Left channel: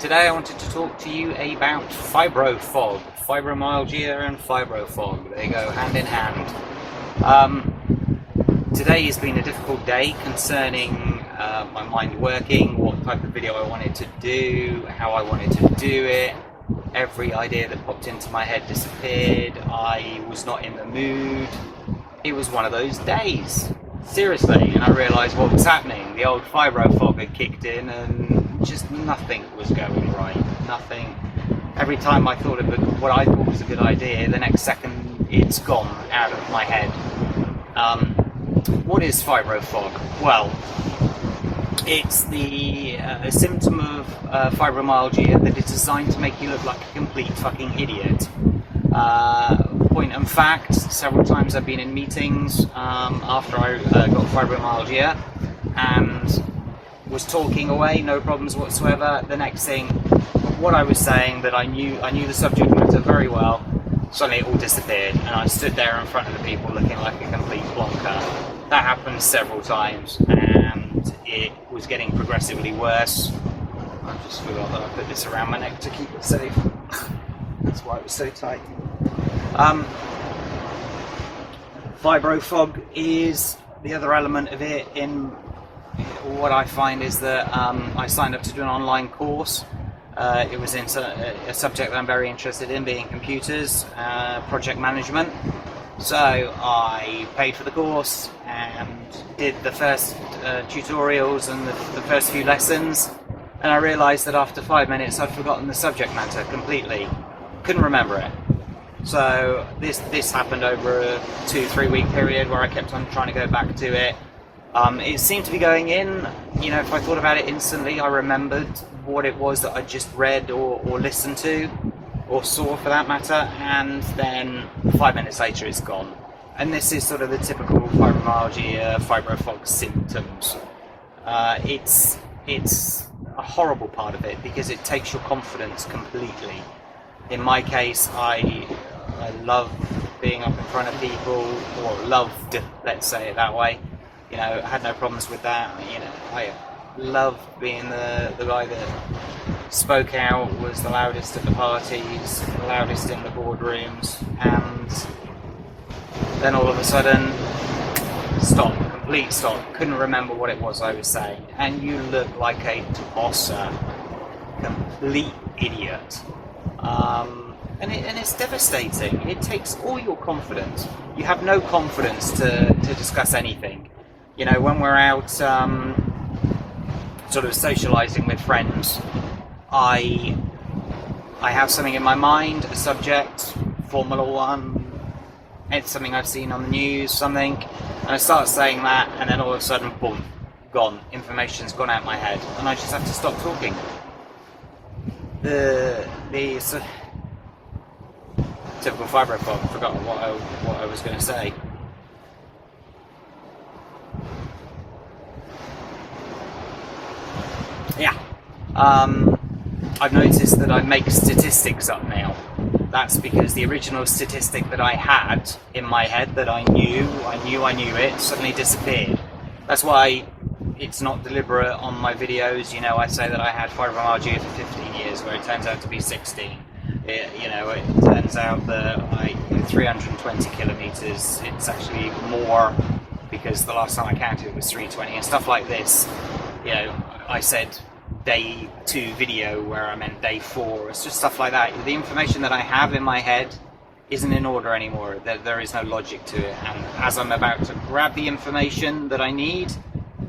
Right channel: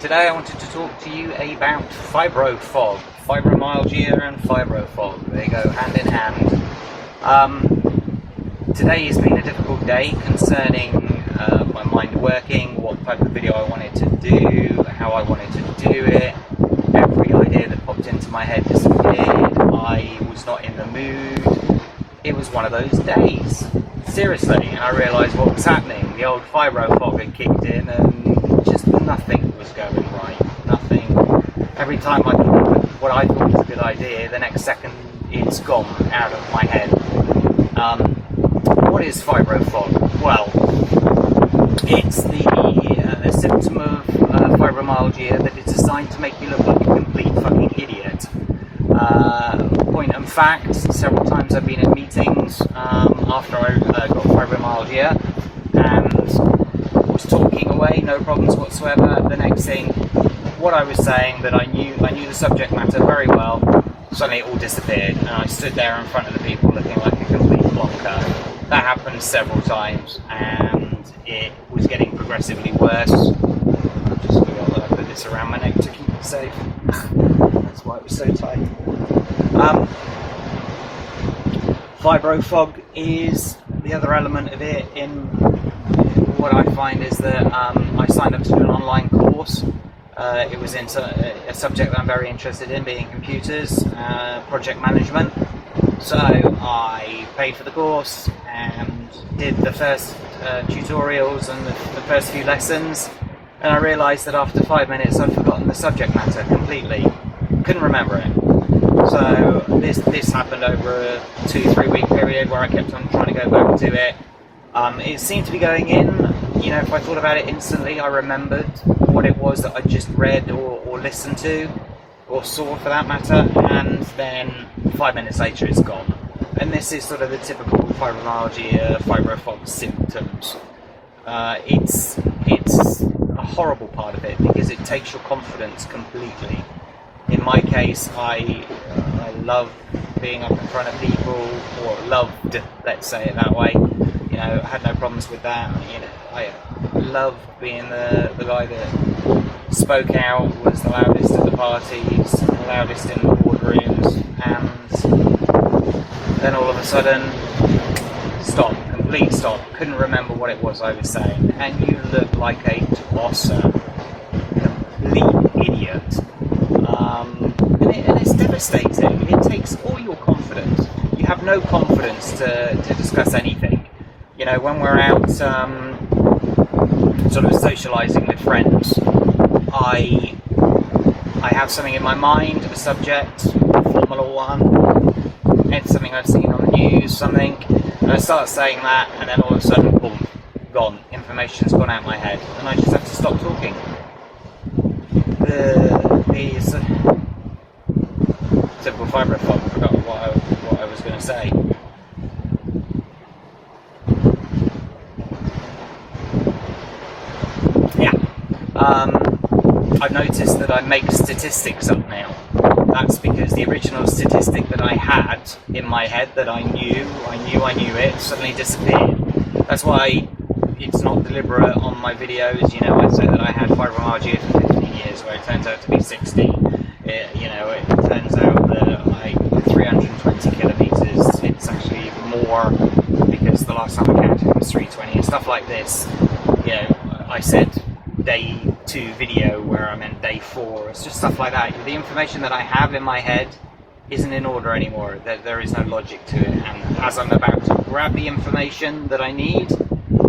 Today I wanted to talk to you about fibrofog. Fibromyalgia and fibrofog, they go hand in hand. Today has been a difficult day concerning my mind working, what type of video I wanted to do, how I wanted to do it. Every idea that popped into my head disappeared. I was not in the mood. It was one of those days, seriously, and I realised what was happening. The old fibrofog had kicked in and just nothing was going right. Nothing. Every time I thought of what I thought was a good idea, the next second it's gone out of my head. What is fibrofog? Well, it's a symptom of fibromyalgia that is designed to make you look like a complete fucking idiot. Point and fact, several times I've been in meetings after I got fibromyalgia and was talking away, no problems whatsoever. The next thing, what I was saying that I knew the subject matter very well, suddenly it all disappeared and I stood there in front of the people looking like a complete plonker. That happened several times and it was getting progressively worse. I just forgot that I put this around my neck to keep it safe. That's why it was so tight. Fibrofog is the other element of it. In what I find is that I signed up to do an online course. It was in a subject that I'm very interested in, being computers, project management. So I paid for the course and did the first tutorials and the first few lessons, and I realised that after 5 minutes I'd forgotten the subject matter completely. Couldn't remember it. So this happened over a 2-3 week period where I kept on trying to go back to it. It seemed to be going in, you know, if I thought about it instantly, I remembered what it was that I just read or listened to, or saw for that matter, and then 5 minutes later it's gone. And this is sort of the typical fibromyalgia, fibrofog symptoms. It's a horrible part of it because it takes your confidence completely. In my case, I love being up in front of people, or loved, let's say it that way. You know, I had no problems with that. You know, I loved being the guy that spoke out, was the loudest at the parties, the loudest in the boardrooms, and then all of a sudden, complete stop. Couldn't remember what it was I was saying, and you look like a tosser, complete idiot. And it's devastating. It takes all your confidence. You have no confidence to discuss anything. You know, when we're out sort of socializing with friends, I have something in my mind, a subject, a Formula One, it's something I've seen on the news, something, and I start saying that, and then all of a sudden, boom, gone. Information's gone out my head, and I just have to stop talking. Typical fibrofog. Forgot what I was going to say. Yeah. I've noticed that I make statistics up now. That's because the original statistic that I had in my head that I knew it, suddenly disappeared. That's why it's not deliberate on my videos. You know, I say that I had fibromyalgia for 15 years, where it turns out to be 60. It turns out that like 320 kilometers, it's actually more, because the last time I counted it was 320 and stuff like this. You know, I said day 2 video where I meant day 4. It's just stuff like that. The information that I have in my head isn't in order anymore. There is no logic to it, and as I'm about to grab the information that I need,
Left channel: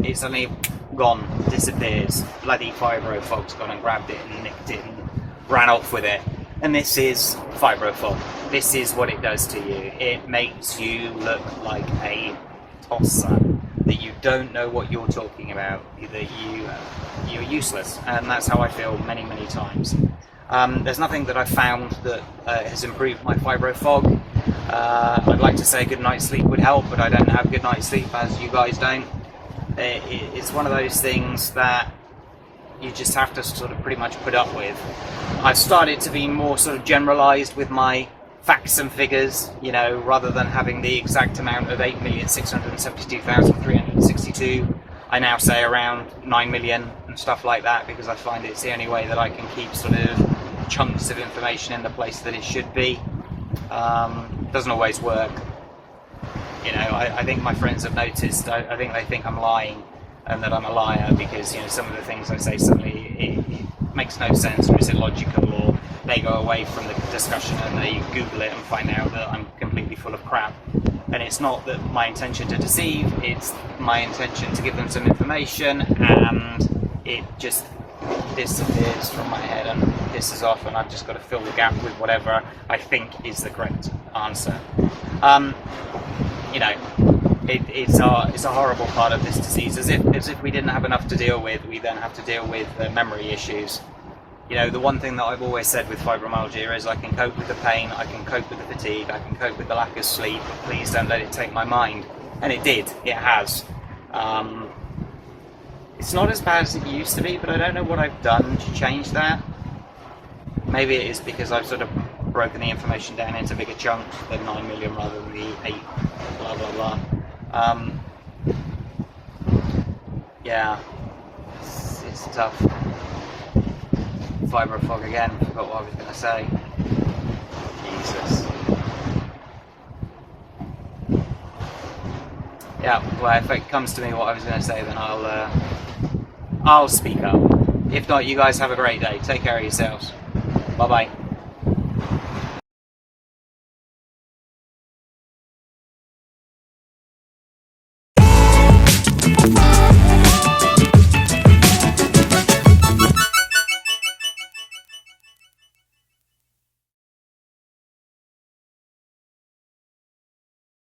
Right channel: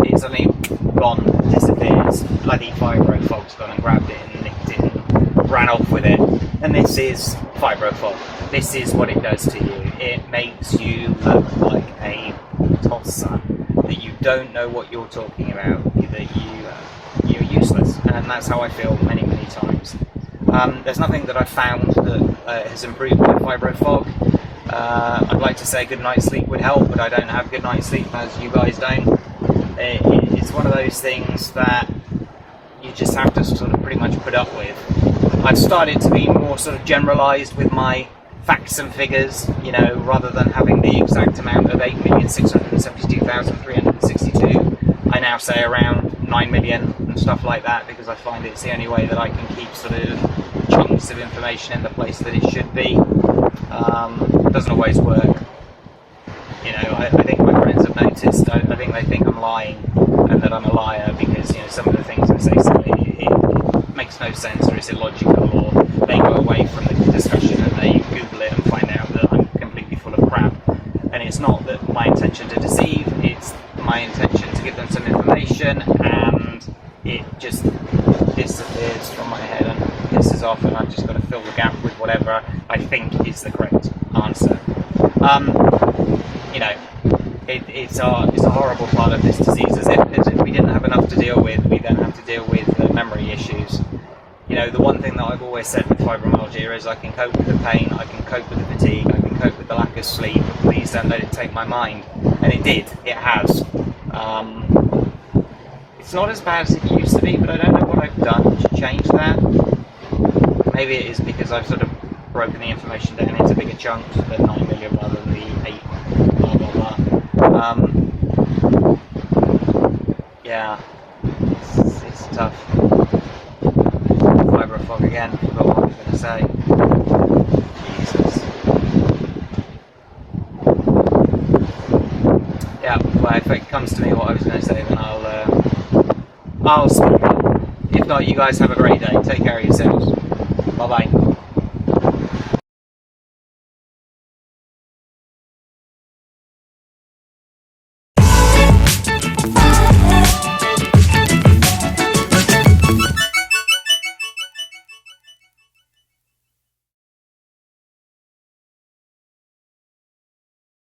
it's suddenly gone, disappears. Bloody fibrofog's gone and grabbed it and nicked it and ran off with it. And this is fibrofog. This is what it does to you. It makes you look like a tosser, that you don't know what you're talking about, that you're useless, and that's how I feel many, many times. There's nothing that I've found that has improved my fibrofog. I'd like to say good night's sleep would help, but I don't have good night's sleep, as you guys don't. It's one of those things that you just have to sort of pretty much put up with. I've started to be more sort of generalized with my facts and figures, you know, rather than having the exact amount of 8,672,362, I now say around 9 million and stuff like that, because I find it's the only way that I can keep sort of chunks of information in the place that it should be. It doesn't always work. You know, I think my friends have noticed, I think they think I'm lying and that I'm a liar, because, you know, some of the things I say suddenly it makes no sense or is illogical, or they go away from the discussion and they Google it and find out that I'm completely full of crap. And it's not that my intention to deceive, it's my intention to give them some information, and it just disappears from my head and pisses off, and I've just got to fill the gap with whatever I think is the correct answer. You know, it's a horrible part of this disease. As if we didn't have enough to deal with, we then have to deal with the memory issues. You know, the one thing that I've always said with fibromyalgia is I can cope with the pain, I can cope with the fatigue, I can cope with the lack of sleep, but please don't let it take my mind. And it did, it has. It's not as bad as it used to be, but I don't know what I've done to change that. Maybe it is because I've sort of broken the information down into bigger chunks, the 9 million rather than the 8, blah blah blah. Yeah, it's tough. Fibro fog again, forgot what I was going to say. Jesus. Yeah, well, if it comes to me what I was going to say, then I'll speak up. If not, you guys have a great day. Take care of yourselves. Bye bye.